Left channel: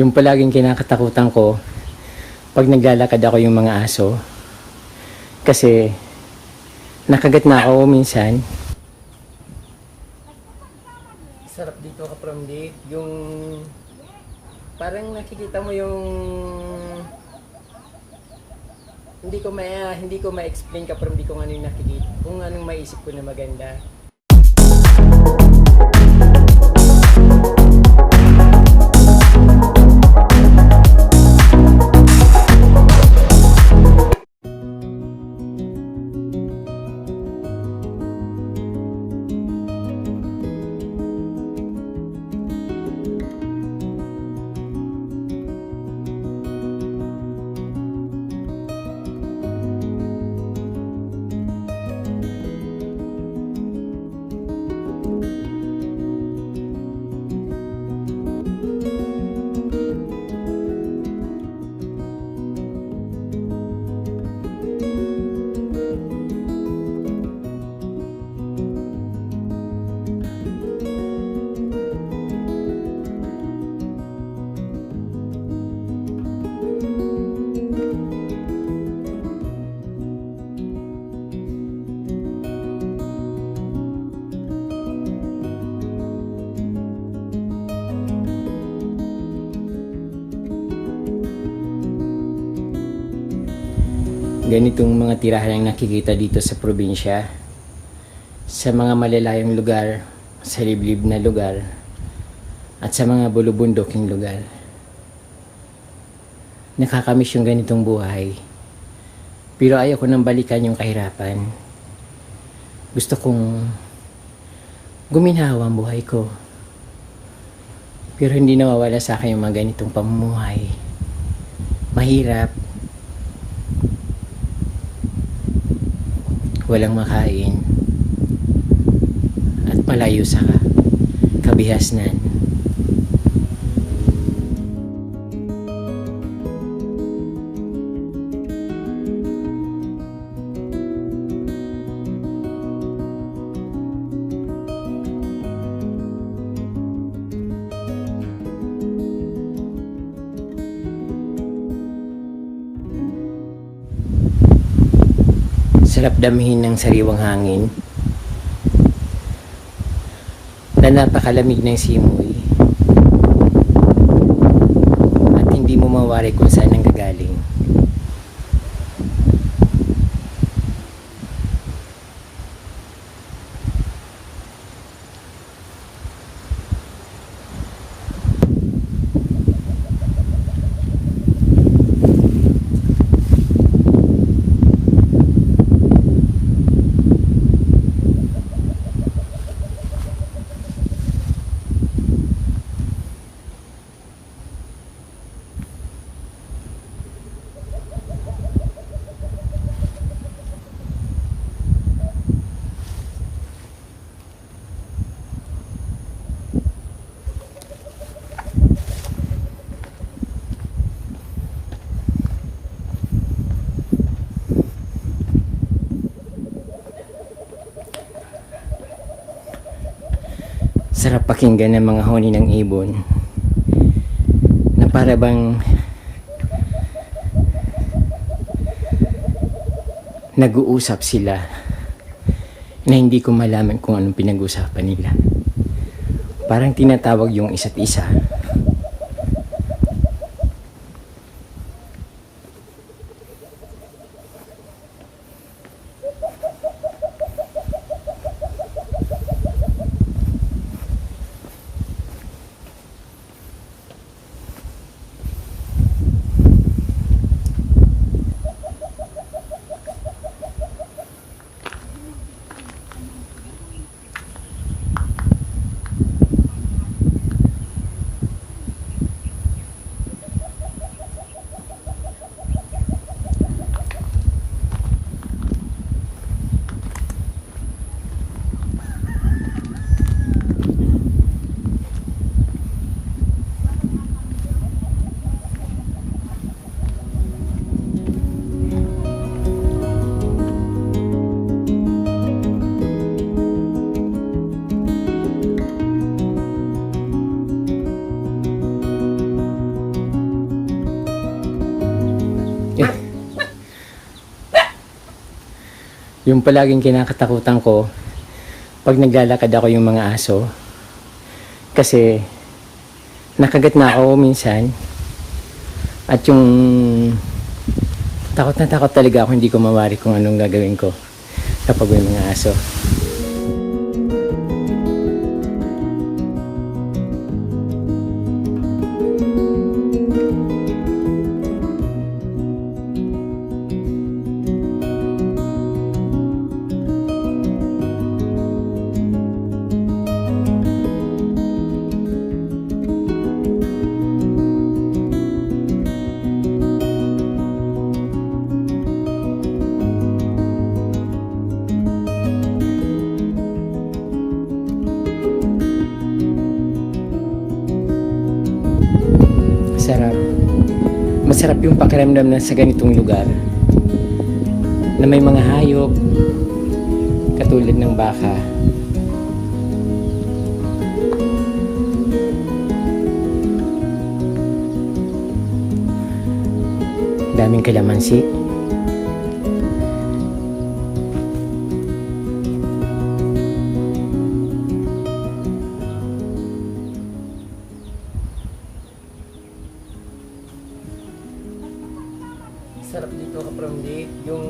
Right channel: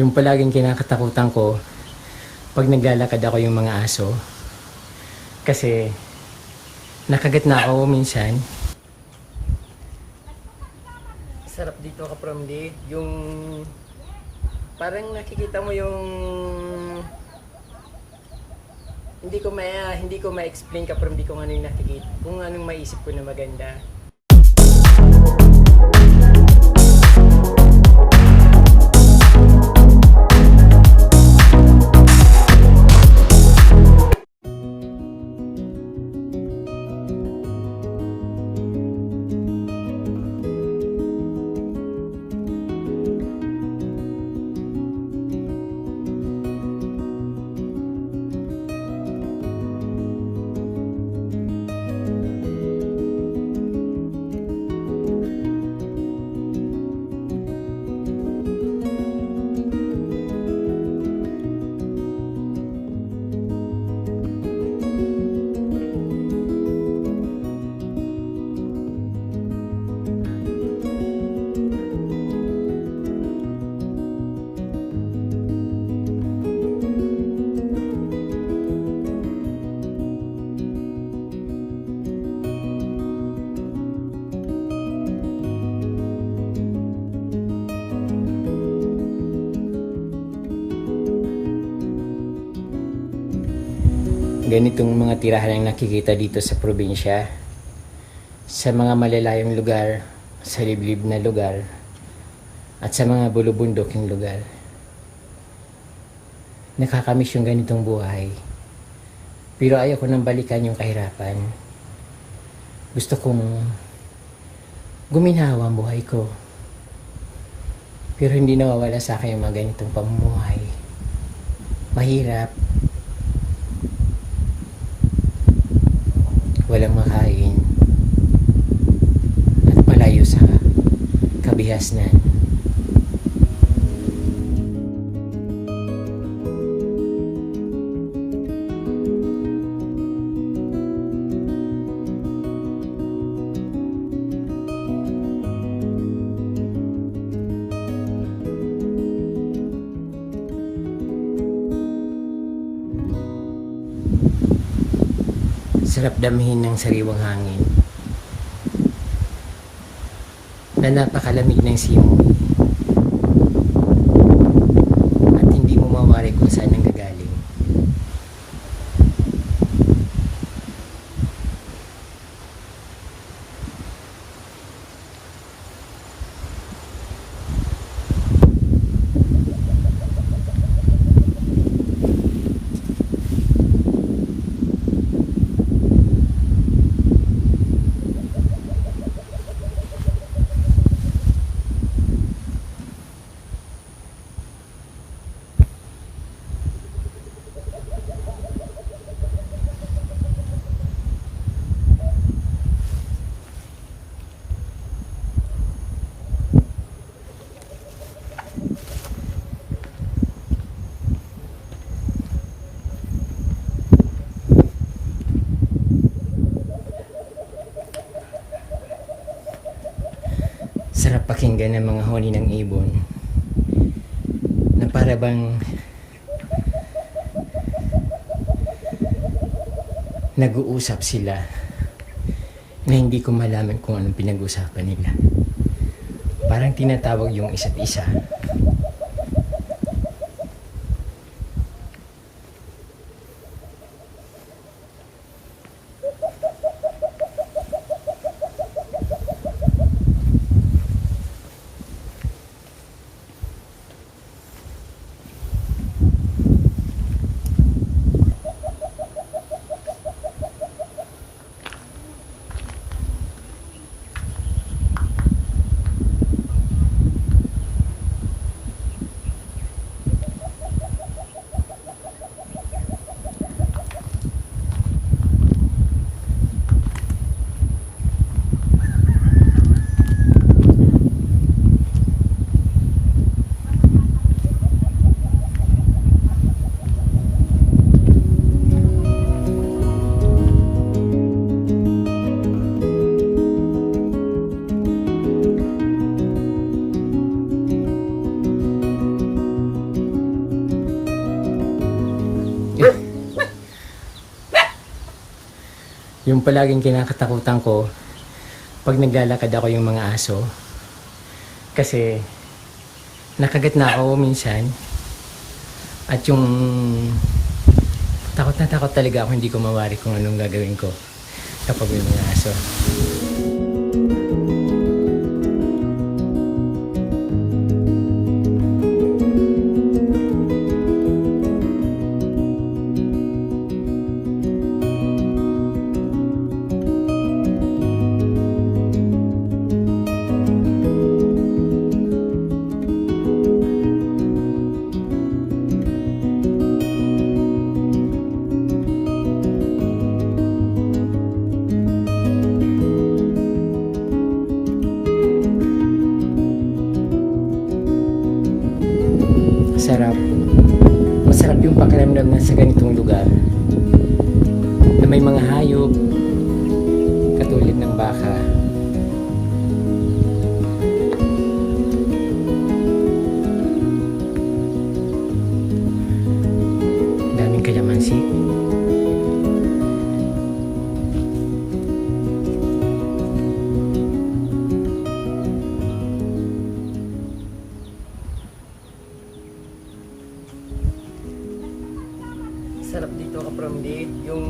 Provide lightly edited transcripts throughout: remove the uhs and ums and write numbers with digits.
Yung palaging kinakatakutan ko pag naglalakad ako yung mga aso. Kasi nakagat na ako minsan. Sarap dito ka from di. Yung parang nakikita mo yung hindi ko ma-explain ka from di kung ano yung nakikita, kung anong maisip ko na maganda. Ganitong mga tirahan ang nakikita dito sa probinsya, sa mga malalayong lugar, sa liblib na lugar, at sa mga bulubunduking lugar. Nakakamiss yung ganitong buhay, pero ayaw ko nang balikan yung kahirapan. Gusto kong guminhawa ang buhay ko, pero hindi nawawala sa akin yung mga ganitong pamumuhay. Mahirap, walang makain, at malayo sa kabihasnan. Sarap damhin ng sariwang hangin na napakalamig ng simoy at hindi mo mawari kung saan nanggagaling. Sarap pakinggan ng mga huni ng ibon na para bang nag-uusap sila na hindi ko malaman kung anong pinag-usapan nila. Parang tinatawag yung isa't isa. Yung palaging kinakatakutan ko pag naglalakad ako yung mga aso. Kasi nakagat na ako minsan. At yung takot na takot talaga ako, hindi ko mawari kung anong gagawin ko kapag may mga aso. Sarap. Masarap yung pakiramdam na sa ganitong lugar na may mga hayop katulad ng baka. Daming kalamansi. Sarap dito ka from yung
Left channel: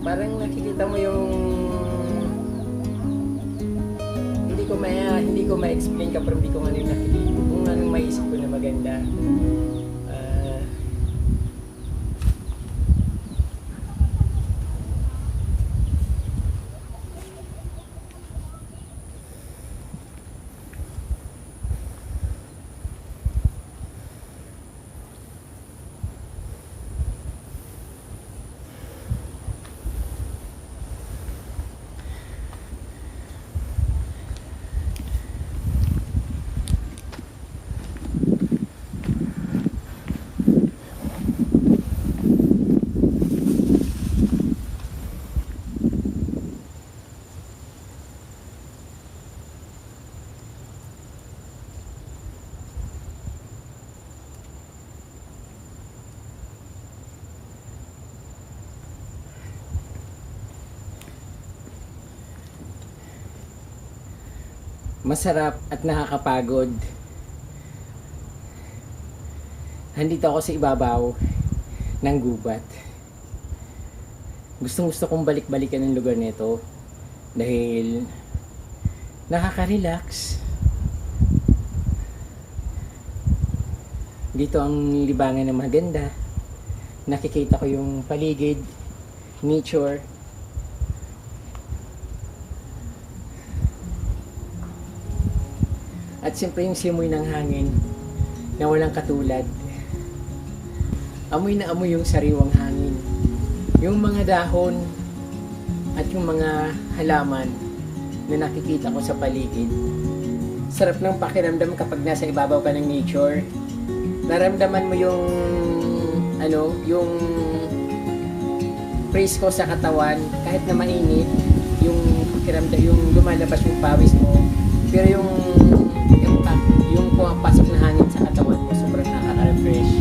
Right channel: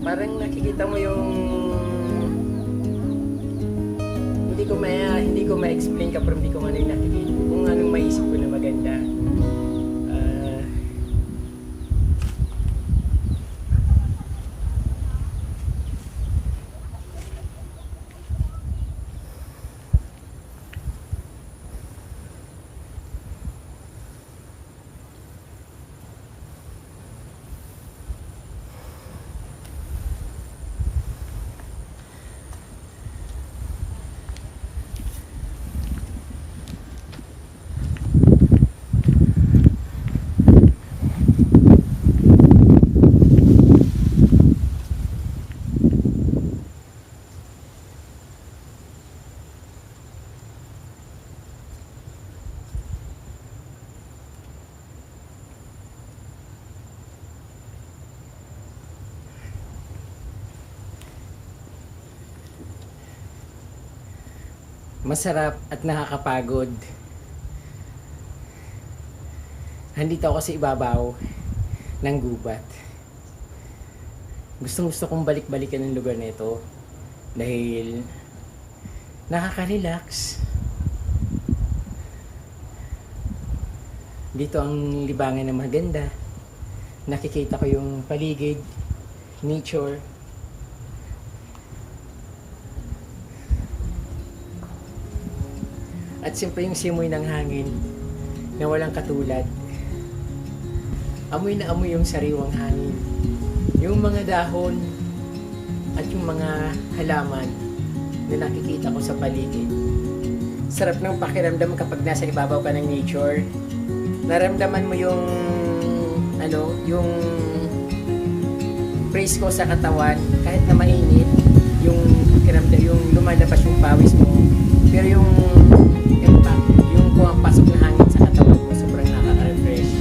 parang nakikita mo yung hindi ko ma-explain ka from kung ano yung nakikita, kung anong maisip ko na maganda. Masarap at nakakapagod. Andito ako sa ibabaw ng gubat. Gustong-gusto kong balik-balikan ng lugar nito dahil nakaka-relax. Dito ang libangan na maganda. Nakikita ko yung paligid, nature. At siyempre yung simoy ng hangin na walang katulad. Amoy na amoy yung sariwang hangin. Yung mga dahon at yung mga halaman na nakikita ko sa paligid. Sarap ng pakiramdam kapag nasa ibabaw ka ng nature. Naramdaman mo yung yung presko sa katawan kahit na mainit, yung pakiramdam, yung lumalabas yung pawis mo. Pero yung impact, yung pumapasok na hangin sa katawan mo, sobrang nakaka-refresh.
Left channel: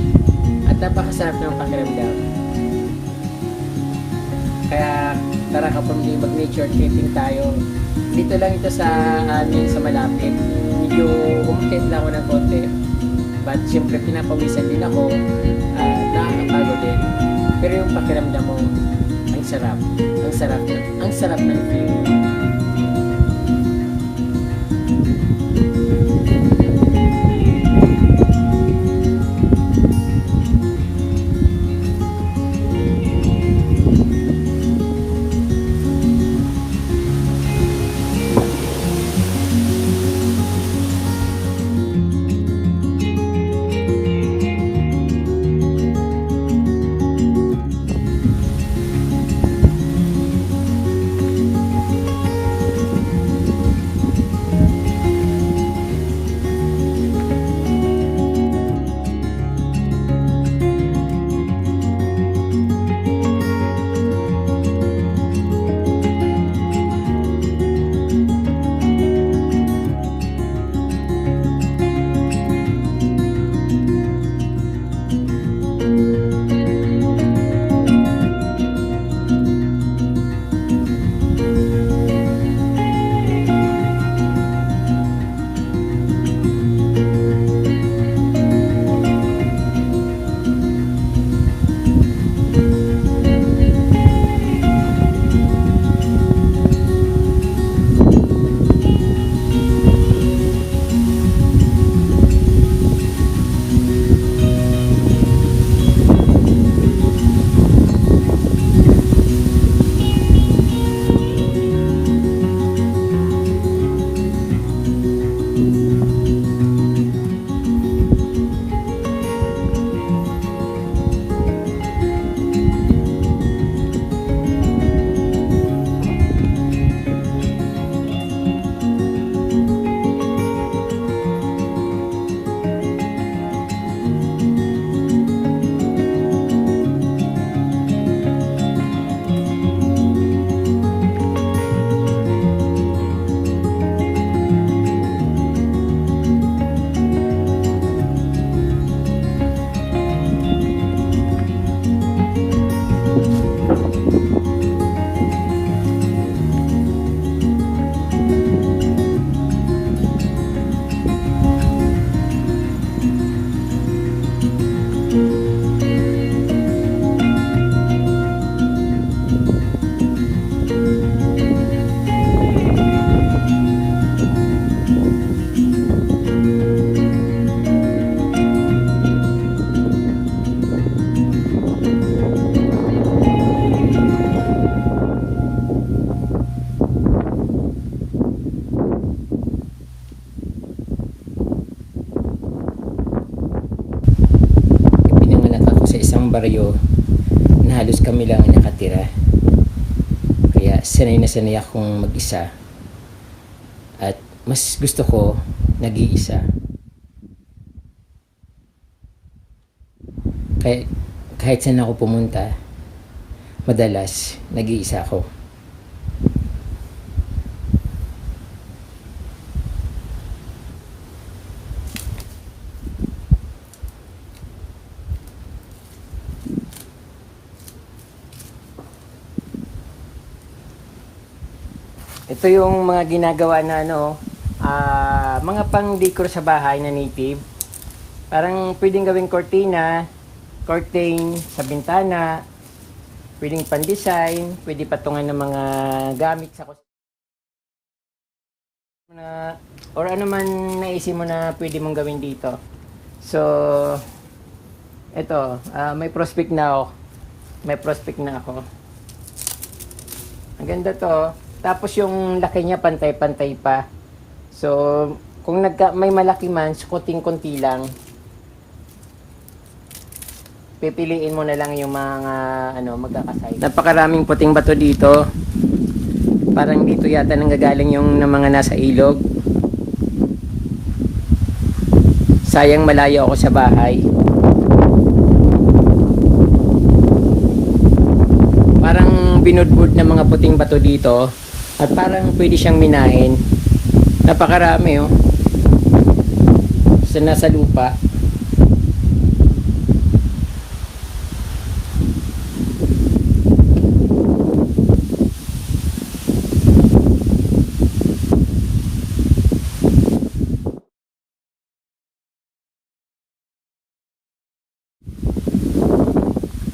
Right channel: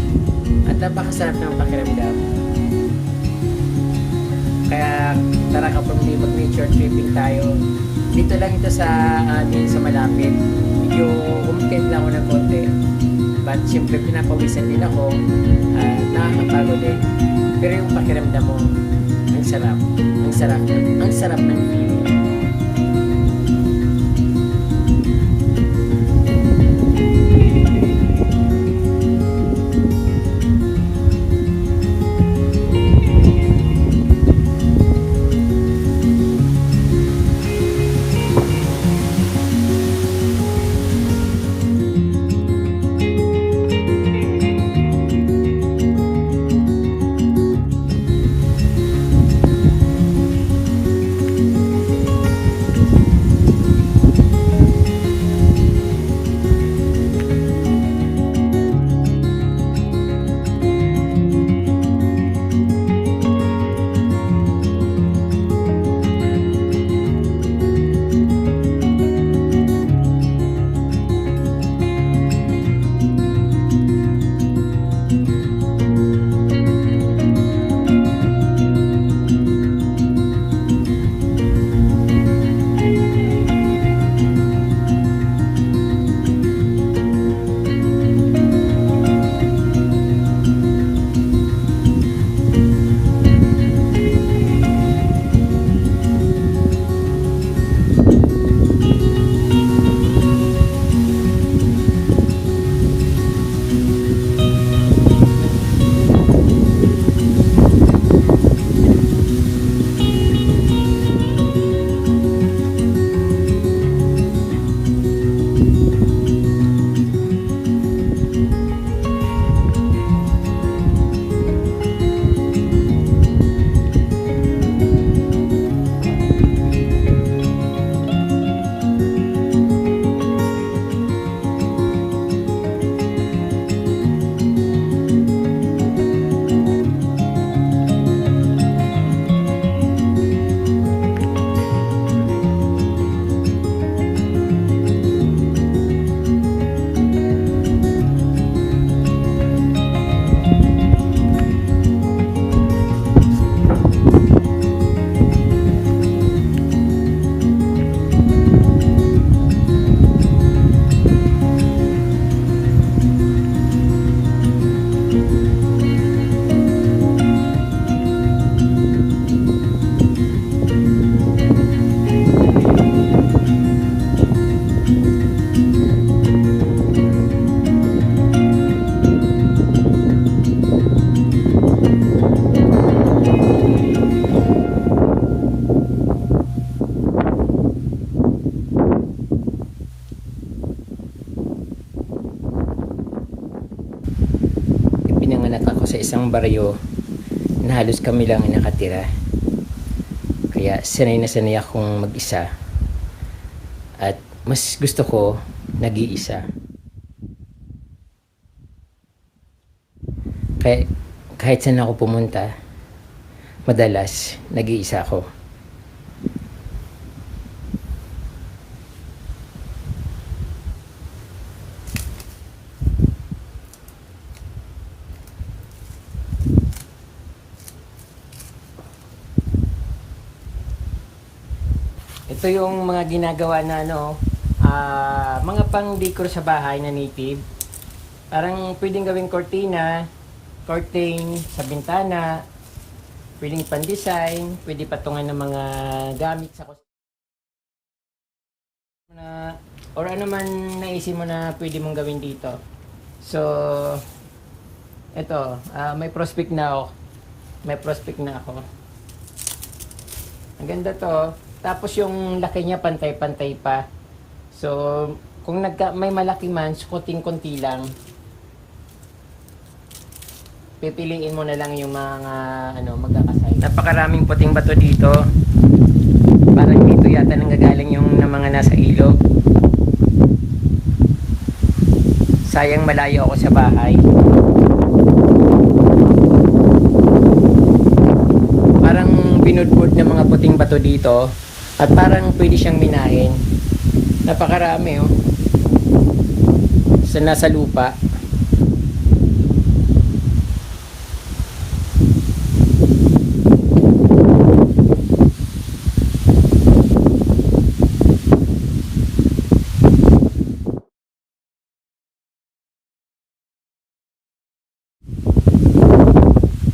At napakasarap ng pakiramdam. Kaya tara ka from mag-nature tripping tayo. Dito lang ito sa amin sa malapit. Medyo umakit lang ako ng konti. But syempre pinapawisan din ako at nakakapagod din. Pero yung pakiramdam mo, ang sarap. Ang sarap ng feeling. sa isang baryo na halos kami lang ang nakatira. Kaya sanay na sanay akong mag-isa. At mas gusto ko nag-iisa. Kaya kahit saan ako pumunta, madalas nag-iisa ako. Ito yung mga ginagawa na mga pang-decor sa bahay na native. Parang pwedeng gawing cortina, curtain sa bintana, pwedeng pan-design, pwede patungan ng mga gamit sa or ano man naisip mo na pwede mong gawin dito. So, ito, may prospect na ako. Ang ganda to. Tapos yung laki niya pantay-pantay pa. So, kung may malaki man, kunting-kunti lang. Pipiliin mo na lang yung mga magkakasay. Napakaraming puting bato dito. Parang dito yata nanggagaling yung mga nasa ilog. Sayang malayo ako sa bahay. Parang binudbud ng mga puting bato dito. At parang pwede siyang minahin. Napakarami sa nasa lupa.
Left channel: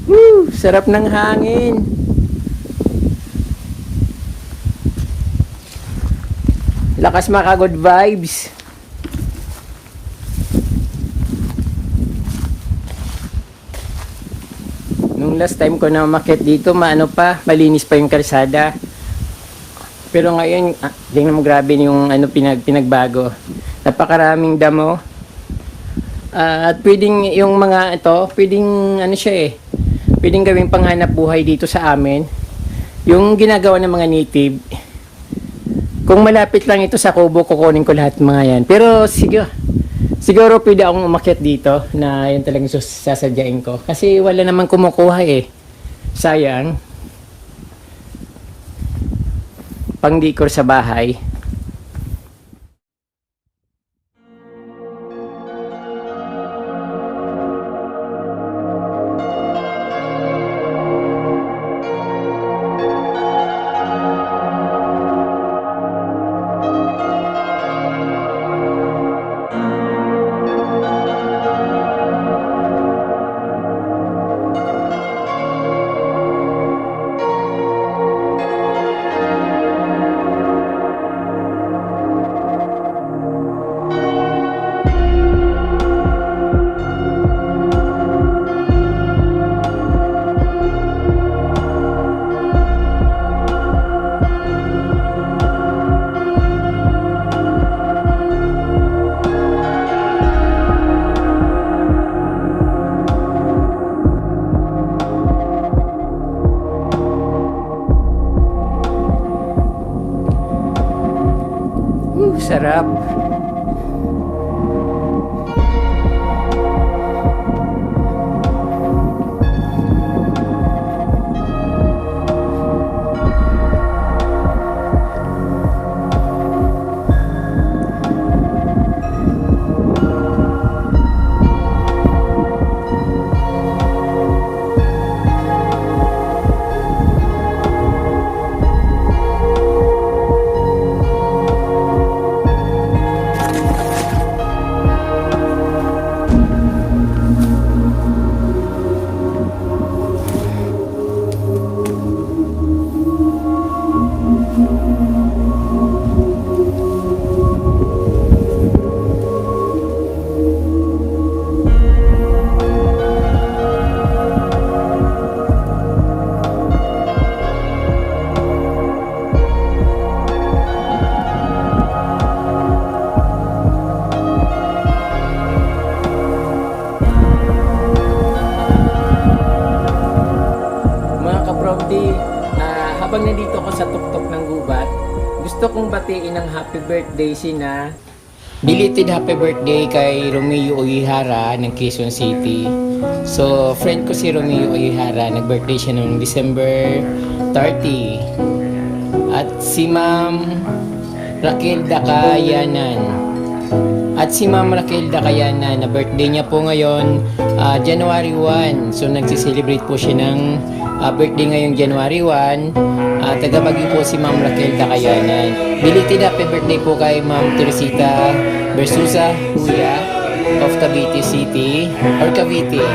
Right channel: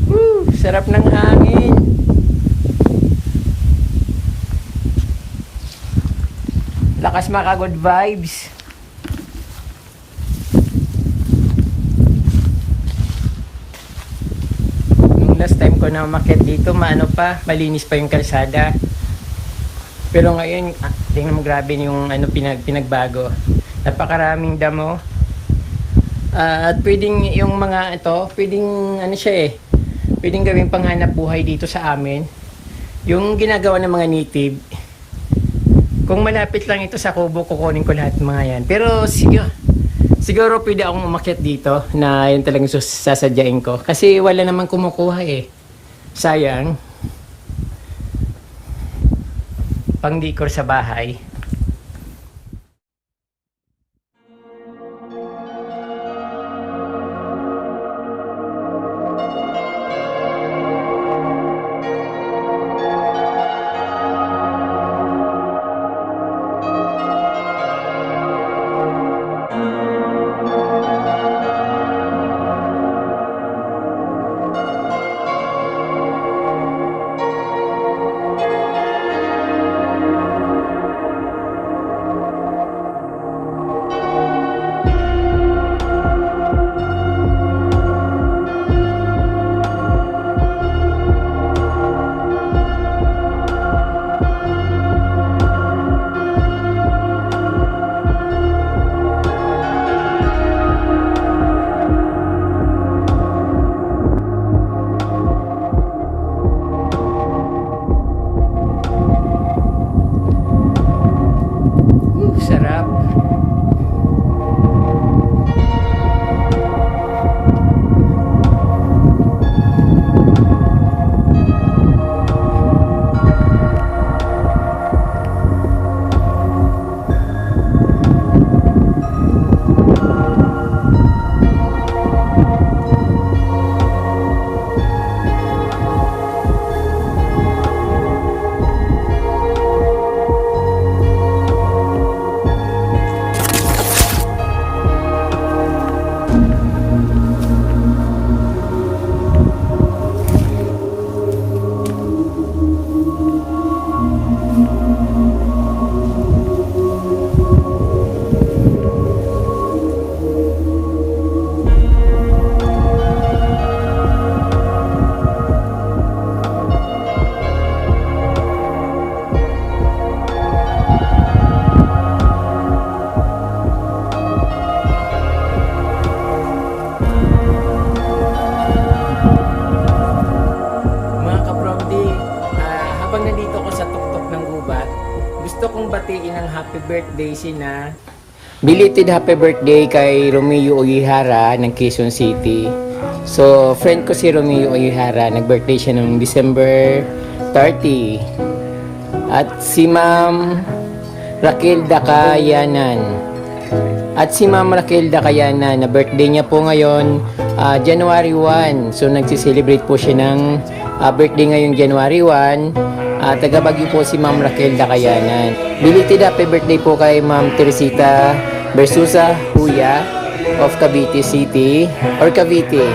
Woo! Sarap ng hangin. Lakas maka good vibes. Nung last time ko na umakyat dito, malinis pa yung kalsada. Pero ngayon, tingnan mo, grabe yung pinagbago. Napakaraming damo. At pwedeng yung mga pwedeng pwedeng gawing panghanap buhay dito sa amin. Yung ginagawa ng mga native. Kung malapit lang ito sa Kubo, kukunin ko lahat mga yan. Pero siguro pwede akong umakyat dito na yun talagang sasadyain ko. Kasi wala namang kumukuha Sayang. Pang-decor sa bahay. Sarap. ka-Promdi, habang nandito ako sa tuktok ng gubat, gusto kong batiin ng happy birthday sina belated happy birthday kay Romeo Oyihara ng Quezon City. So, friend ko si Romeo Oyihara, nag-birthday siya noong December 30. At si Ma'am Raquel Dakayanan. At si Ma'am Raquel Dakayanan, na birthday niya po ngayon, January 1. So, nagsiselebrate po siya ng birthday ngayon January 1. Taga Baguio po si Ma'am Raquel Dakayanan. Belated happy birthday po kay Ma'am Teresita Versusa Huya of Cavite City or Cavite.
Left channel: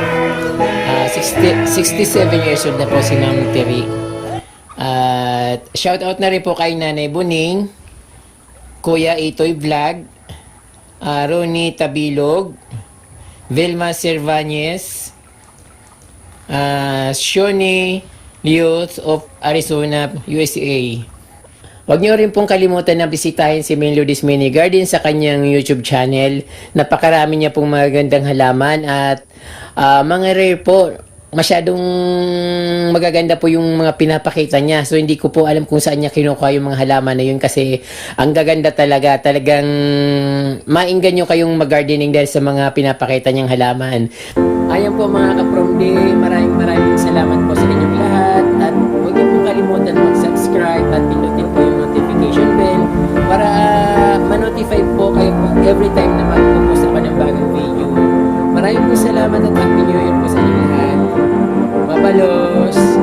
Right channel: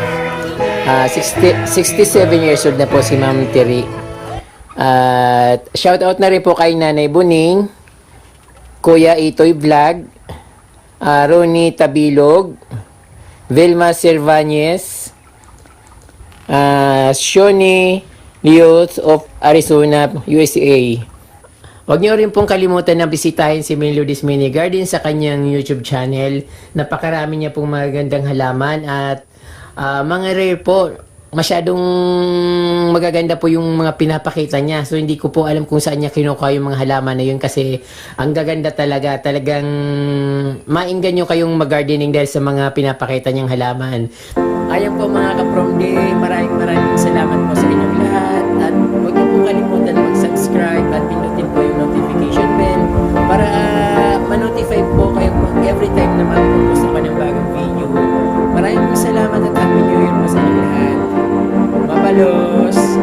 67 years old na po si Ma'am Teri. At shout out na rin po kay Nanay Buning, Kuya Itoy Vlog, Ronnie Tabilog, Vilma Cervantes, Shoni Youth of Arizona, USA. Huwag niyo rin pong kalimutan na bisitahin si Main Lourdes Mini Garden sa kanyang YouTube channel. Napakarami niya pong magagandang halaman at mga rare po. Masyadong magaganda po yung mga pinapakita niya. So, hindi ko po alam kung saan niya kinukuha yung mga halaman na yun kasi ang gaganda talaga. Talagang mainggan nyo kayong mag-gardening dahil sa mga pinapakita niyang halaman. Ayan po mga ka-Promdi, maraming salamat po sa inyong lahat. At huwag niyo pong kalimutan mag-subscribe at pindutin po yung notification bell para ma-notify po kayo every time na mag-post ako ng bagong video. Maraming po salamat at Happy New Year po sa inyong lahat. Mabalos!